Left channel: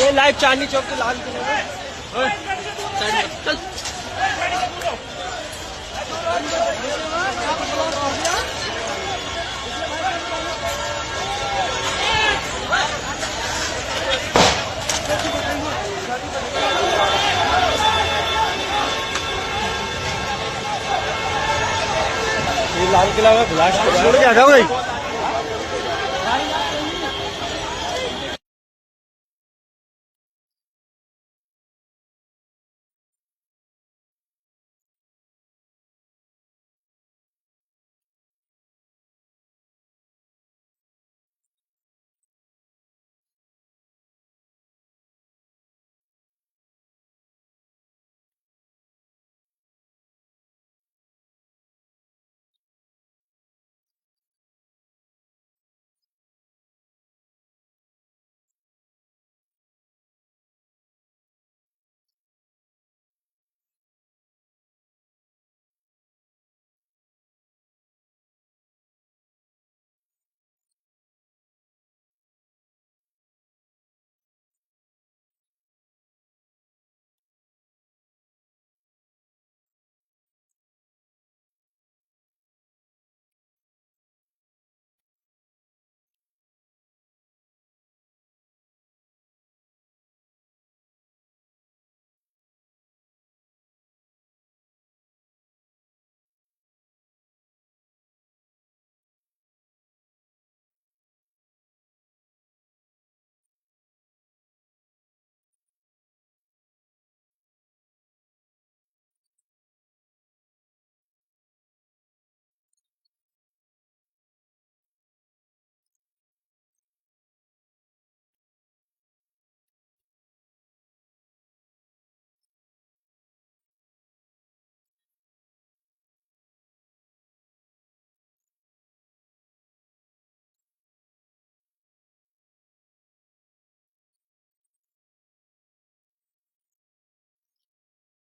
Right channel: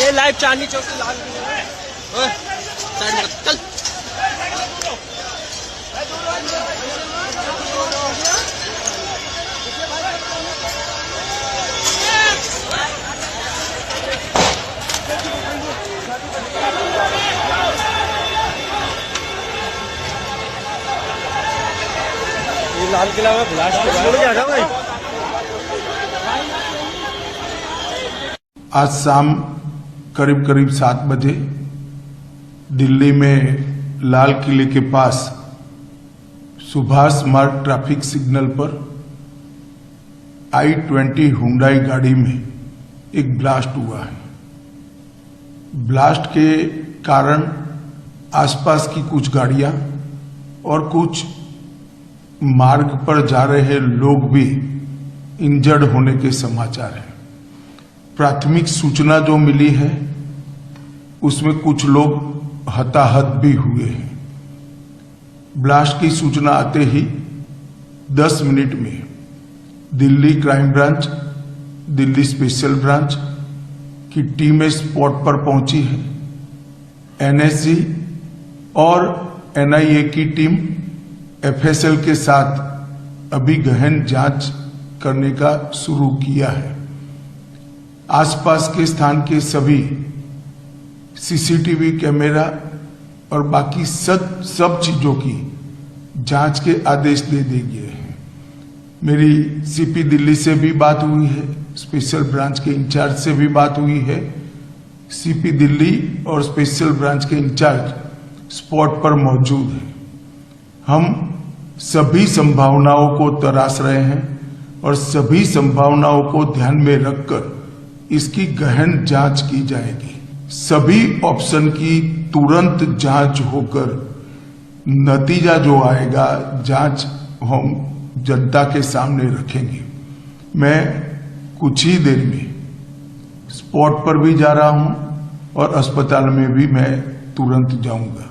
ये लाइव चांदनी चौक पे लाल किले में चल ये लाल किला में ब्लास्ट हुआ है। आज शाम करीब 7 बजे दिल्ली में लाल किले के पास सुभाष मार्ग ट्रैफिक सिग्नल पर I-20 हुंडई गाड़ी में एक ब्लास्ट हुआ है। ब्लास्ट के कारण आसपास की कुछ गाड़ियां और कुछ मार्ग पर जा रहे लोग भी इंजर्ड होने के समाचार हैं। प्राथमिक सूचना जो मिली है उसमें कुछ लोग हताहत भी हुए हैं। ब्लास्ट की सूचना आते ही 10 मिनट में Delhi crime branch, Delhi special branch की टीमें स्पॉट पर पहुंची है। NSG और NIA की टीम FSL के साथ अभी गहन जांच करने का शुरू किया है। आसपास के स्थान के सभी CCTV कैमरा और बाकी सब चीजों की जांच के आदेश दे दिए गए हैं। मेरी CP दिल्ली से भी बात हुई है, स्पेशल ब्रांच के इंचार्ज से भी बात हुई है। CP दिल्ली और स्पेशल ब्रांच के इंचार्ज स्पॉट पर मौजूद हैं। हम सभी संभावनाओं को तराश रहे हैं और सभी संभावनाओं को ध्यान में रखकर इसकी गहन जांच की जाएगी। सभी ऑप्शन की तुरंत जांच होकर नतीजा जो आएगा जांच हम जनता के सामने रखेंगे। मैं कुछ ही देर में स्पॉट पर भी जा रहा हूं और अस्पताल में भी मैं तुरंत जाऊंगा।